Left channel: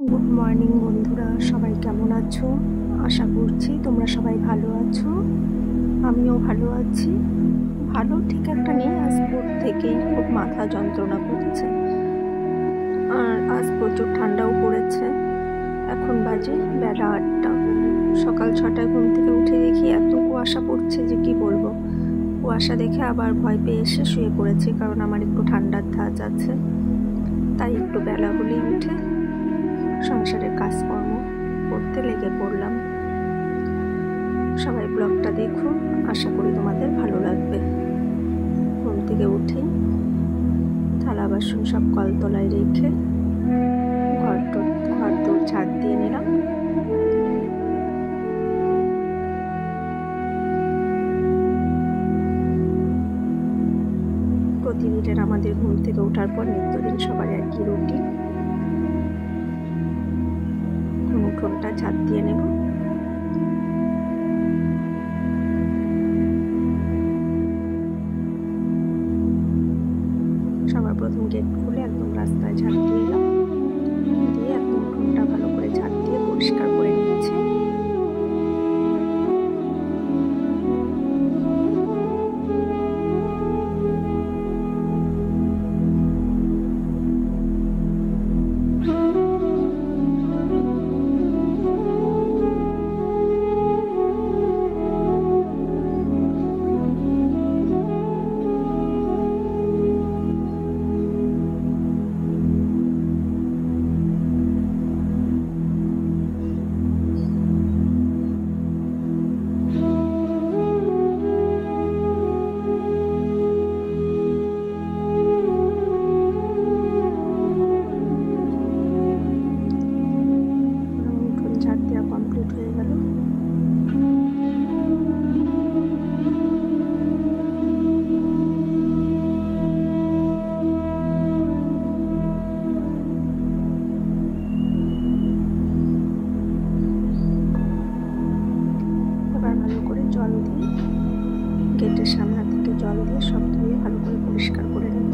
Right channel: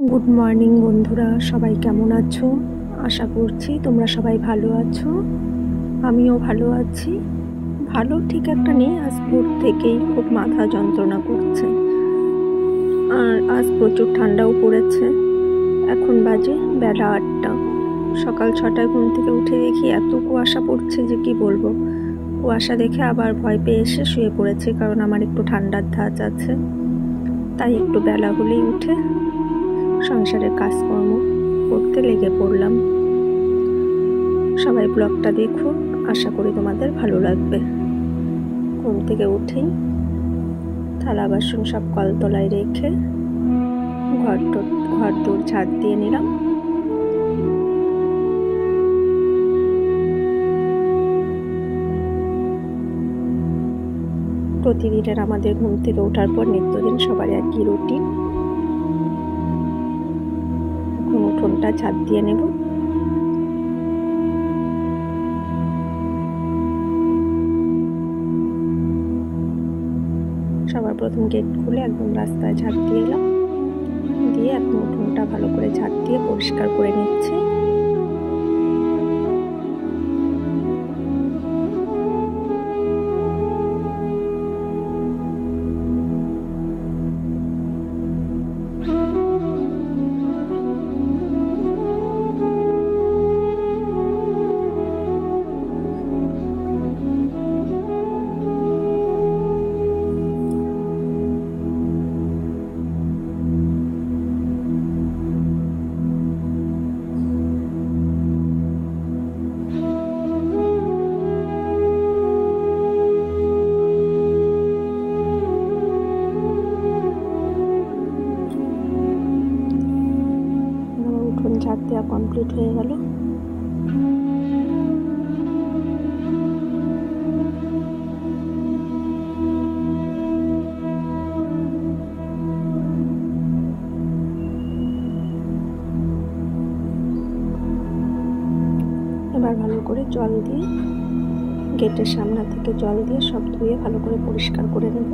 Good morning বন্ধুরা, সবাই কেমন আছো? আশা করছি তোমরা সবাই ভালো আছো। আমিও ভালো আছি। ভালো ঠিক একটা নেই, আজ ভোর থেকেই খুব মাথা যন্ত্রণা করছে, আর আজ প্রচুর ঠান্ডাও পড়েছে। এখন বাজে বেলা 8টা। সকাল 6টায় ঘুম থেকে উঠে দেখি এত কুয়াশা পড়ছে যে কি বলবো। কুয়াশা দেখে আবার ভয় পেয়ে এসে শুয়ে পড়েছি, কারণ আমার একটু ঠান্ডার ধাঁচ আছে। তাই একটু বেলা হলেই উঠে সংসারের কাজকর্ম করতে লেগে পড়লাম। সবাই ব্লগটা দেখো, আশা করি তোমাদের ভালো লাগবে। ঘুম থেকে উঠেই থালা বাসন সব কলতলায় রেখে ঘর দৌড় ঝাড় দিয়ে নিলাম। প্রতিদিনের আমাদের ঘুম থেকে ওঠার পর নিত্যদিন সবার একই রুটিন। উঠোনটা ঝাড় দিয়ে নেব। সবার প্রথম গেট খুলে একদম রাস্তায় ঝাড় দিয়ে এলাম, দিয়ে এখন উঠোনটা ভালো করে ঝাড় দিয়ে পরিষ্কার করে নিচ্ছি। ঝাড় দেওয়া কমপ্লিট হয়ে গেল। এবার ভালো করে জল দিয়ে, গেটের সামনে থেকে জল দিয়ে সব ধুয়ে ভালো করে পরিষ্কার করে নেব।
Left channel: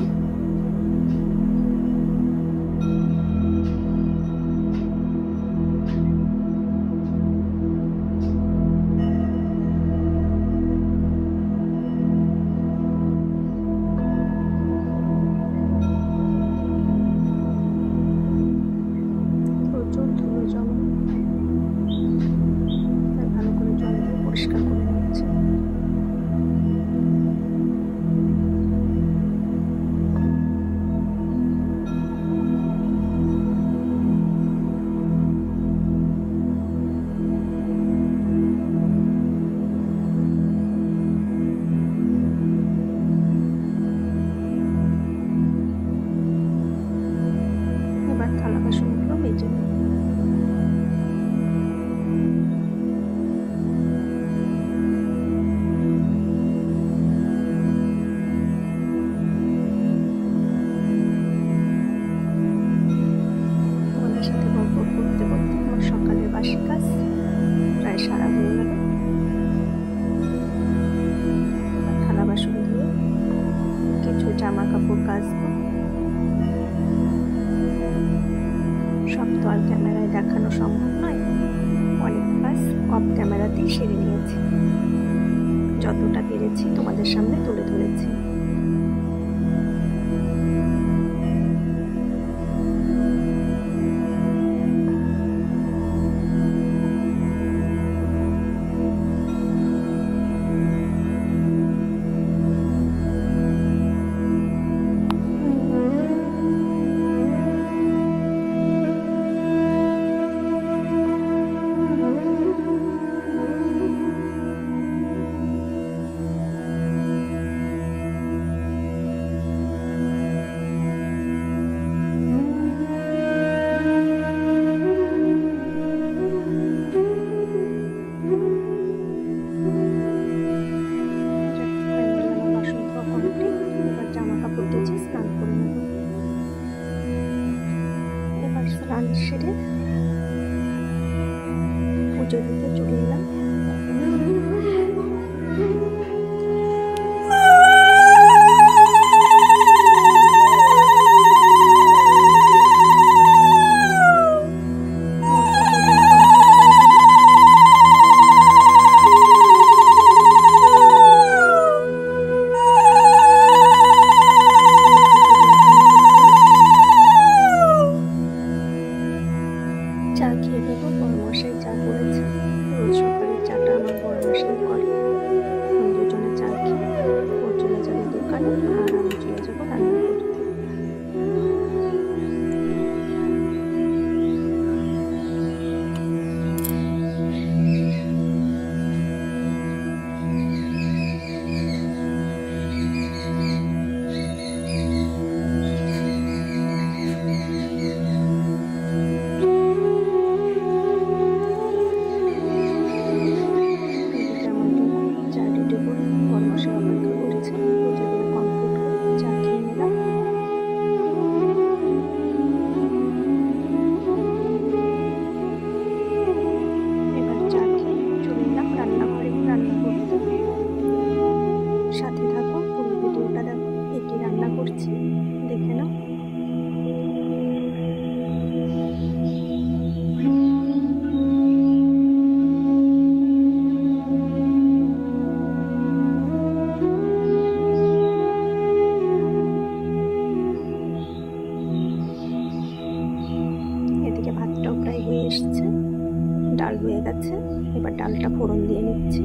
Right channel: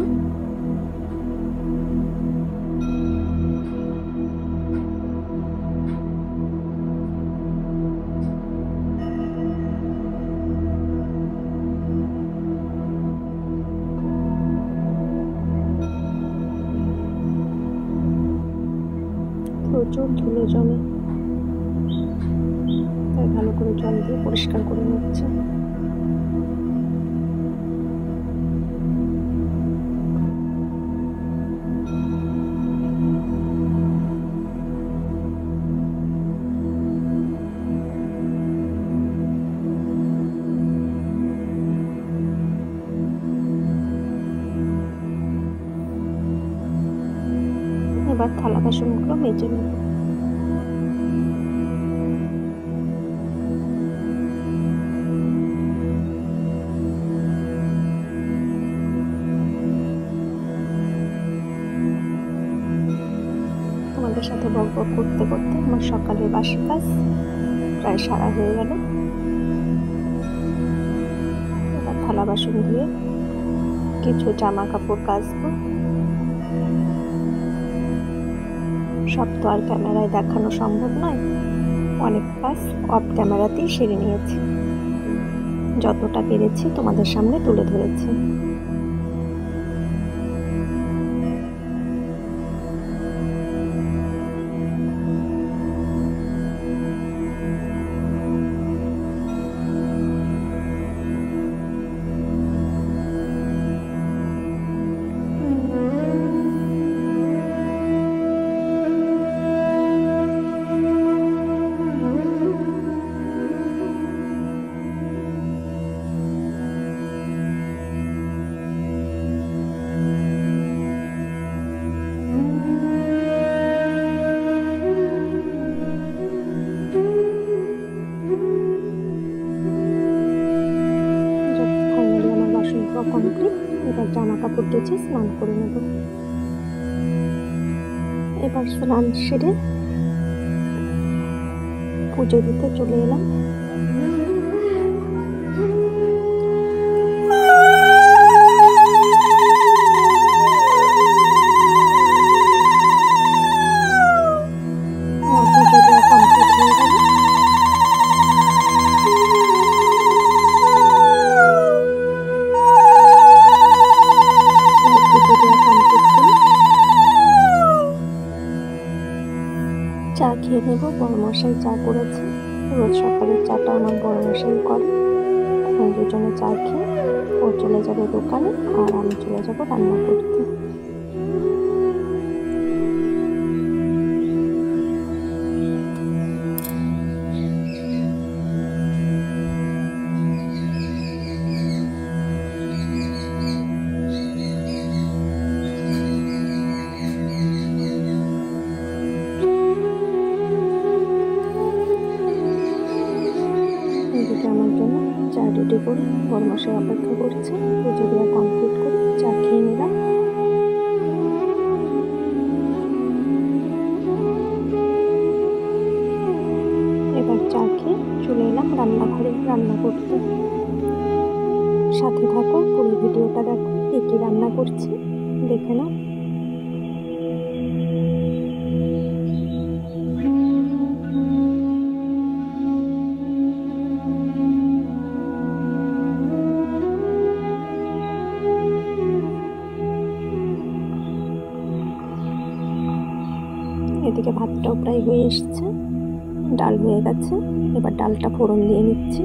প্রচুর ধুলো জমে, তাই ভালো করে জল দিয়ে পরিষ্কার করে নিচ্ছে। এবার থালা বাসনগুলো মেজে নেব। তোমাদের সাথে গল্প করতে করতে আমার সকালের বাসি কাজ প্রায় সারা হয়ে গেল। এবার থালা বাসন দিয়ে কিছু জামা কাপড় কাচবো। সব তো আর ক্যামেরায় দেখানো সম্ভব নয়, অনেক কাজ অফ ক্যামেরাতেই সেরে নিয়েছি। যতটা পেরেছি তোমাদের সামনে তুলে ধরেছি। এবার জামা কাপড় কেচে স্নান করে নেব। এবার স্নান সেরে পুজো দিতে চলে এলাম। দুজনে চা খেয়ে ও চলে যাবে দোকানে আর আমি চলে যাব রান্না করতে। রেডি করে বরমশাই অপেক্ষা করছে। পুজো দেওয়া কমপ্লিট করে চা খেয়ে নিলাম। এবার চা খেয়ে চলে এলাম রান্নাঘরে রান্না করতে। সাথে থাকো, পুরো ভিডিওটা দেখো, কি কি রান্না করছি দেখে নাও। এদিকে ভাতটাও প্রায় হয়ে এসছে, ডাল হয়ে গেছে। এবার ডালটা ফোড়ন দিয়ে নিচ্ছি।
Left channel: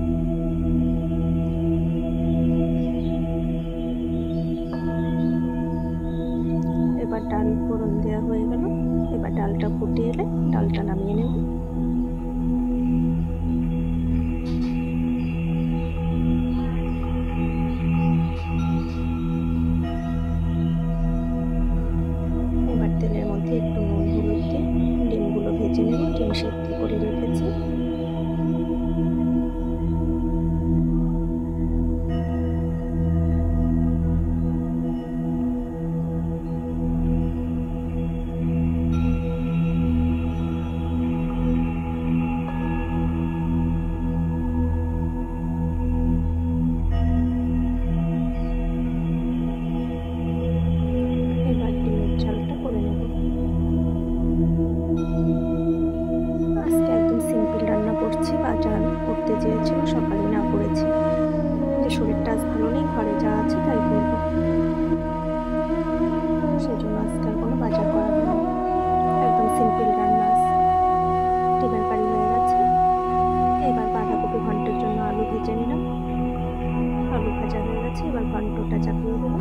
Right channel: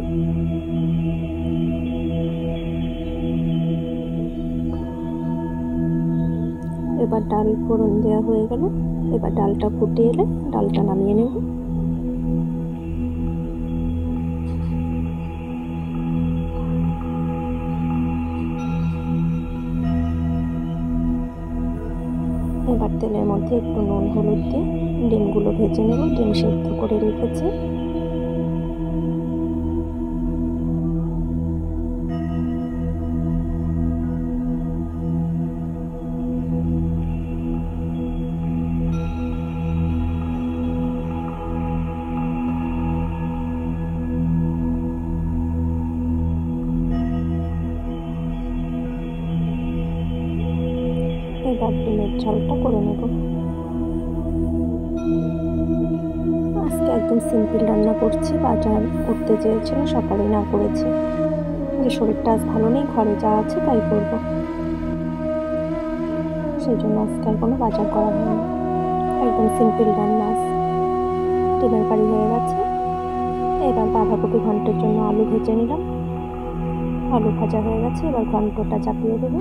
এবার ডাল ফোড়ন দেওয়া হয়ে গেল। এবার ডালটা ফুটে এলে ডালটা নামিয়ে নেব। এবার তেলের মধ্যে একটু নুন হলুদ দিয়ে ডিমগুলো ভেজে নেব। ডিম সেদ্ধ করে রেখেছি। এবার ডিমের ঝালটা করে নেব। আজকে একদম সিম্পল রান্না করছি। বাজার করতে চেয়েছিল, সকালে না করেছি। যে শরীরটা আজ ভালো নেই, ঘরে যা আছে তাই করব, সেই জন্য আজকে আর কোনো বাজার করা হয়নি। একদম সিম্পল রান্না। ডিমের কারি হয়ে গেছে। এবার বাঁধাকপি ঘন্টের জন্য আলু ভেজে নিলাম। আলু ভাজা হয়ে গেছে। এবার ঘন্টটা চাপিয়ে দেবো।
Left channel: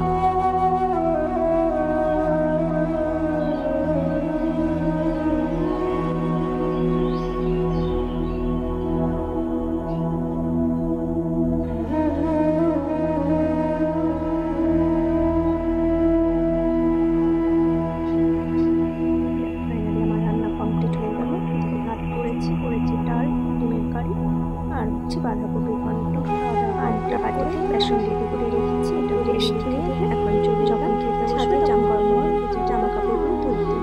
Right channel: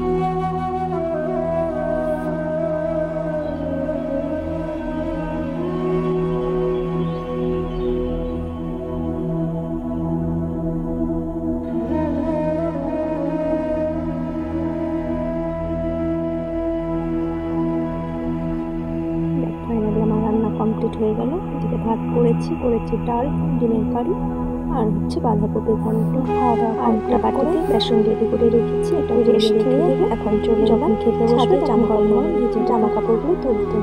কমপ্লিট হয়ে গেল। এদিকে ভাত করেছি ডাল, ডিমের কারি আর হচ্ছে বাঁধাকপি ঘন্ট। আরেকটা বাটিতে বেসন রেডি করে রেখেছি। এটা রেস্ট খেয়ে এখন চলে যখন খেতে বসবে জামা কাপড়গুলো তুলতে।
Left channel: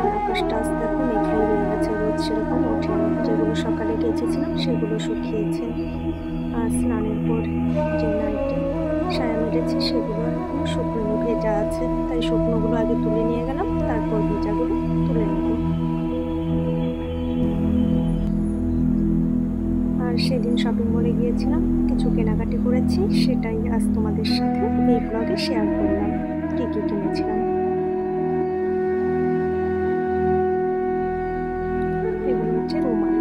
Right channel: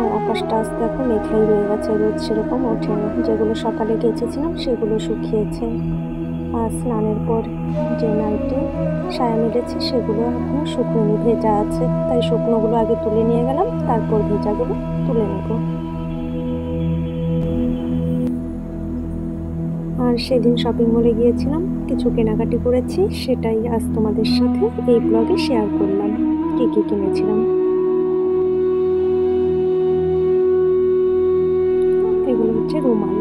আর আকাশটা আজ দেখো মেঘাই রয়ে গেছে, রোদ সেরকম ওঠেনি। যেগুলো সকালে গেছেছিলাম সেগুলো শুকিয়েছে। আর স্নানের পর যে নাইটে সায়া মেরেছি সেগুলো এখন শুকনো ভেজা আছে, তাই শুকনোগুলো আগে তুলে নিয়ে গেলাম, তারপর ভেজাগুলো তুলে নেব। আর সেদিন শপিং মলে গিয়েছিলাম, কিছু কেনাকাটি করেছি, সেটাই আজ তোমাদের সাথে এই ব্লগে শেয়ার করলাম। কি কি কিনেছিলাম। এগুলো হচ্ছে রুমাল।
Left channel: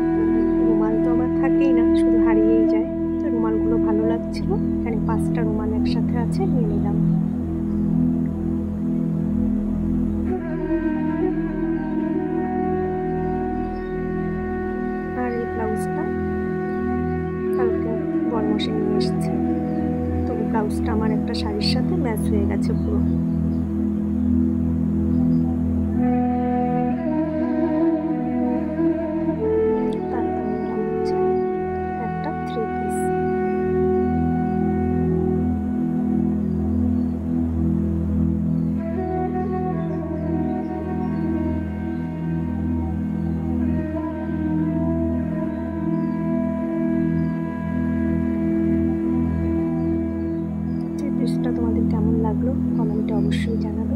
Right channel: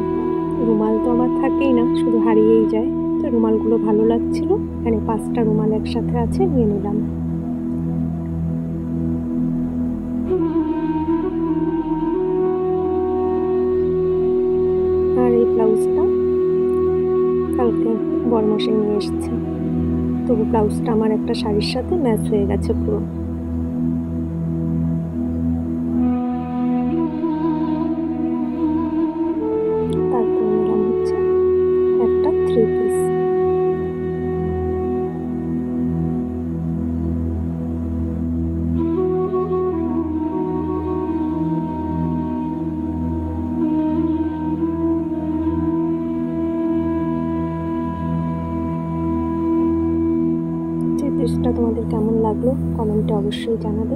রুমাল তো আমার থাকেই না, শুধু হারিয়েই যায়। তো রুমালগুলো ভালো লাগছিল, এখানে 5টা রুমাল একসাথে আছে, নিয়ে নিলাম। আর এই ব্লাউজটা কালকে বরমশাই নিয়ে এসেছে। তবু ব্লাউজটা আমার একটা শাড়ির সাথে ম্যাচ হয়ে গেছে পুরো। তারপর নিলাম হচ্ছে একটা 3 পিস। ড্রেসটা তোমাদের কেমন লাগলো কমেন্টে অবশ্যই জানাবে।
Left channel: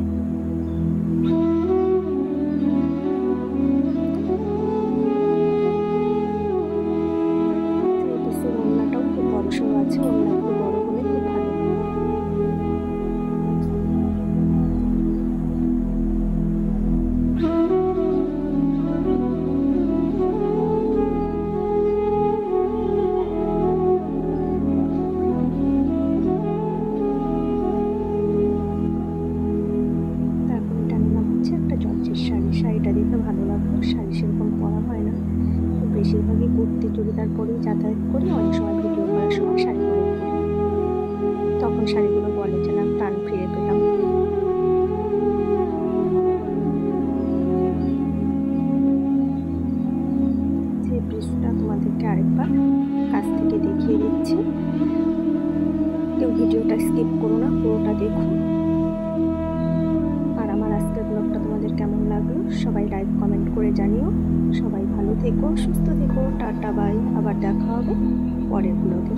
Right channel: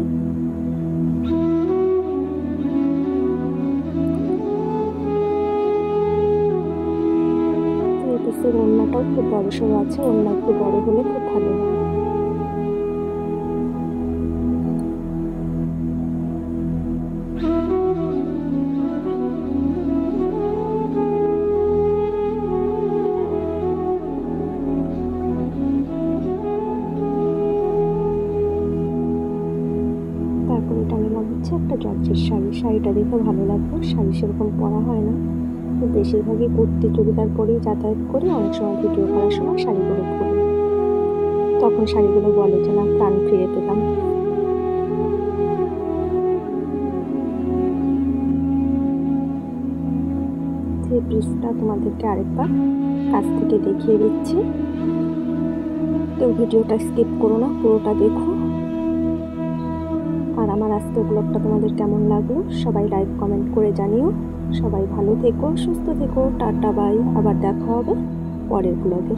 ড্রেসের ওড়নাটাও খুব বড় সড়ো আছে, ওড়না একটু বড় হলে খুব ভালো হয়। শাড়িটা দেখে ভালো লাগলো। শাড়ি সেরকম পরা হয় না, তো বেশিরভাগই কুর্তি চুড়িদার পরেই যাতায়াত করি। অনেক সময় ভিডিও করার সময় শাড়িগুলো খুলি, তখন শাড়িগুলো বলে যে না, প্রাণ ফিরে পেলাম। যে ব্রিজটা তোমাদেরকে আরেকবার কাছ থেকে দেখিয়ে দিচ্ছি, কেউ ভিডিওটা স্কিপ করো না, পুরোটা দেখো। আর আমার আজকের ব্লগটা তোমাদের কেমন লাগলো সবাই লাইক কমেন্ট করে জানিও। সবাই ভালো থেকো, সুস্থ থেকো, টাটা বাই। আবার দেখা হবে পরের ব্লগে।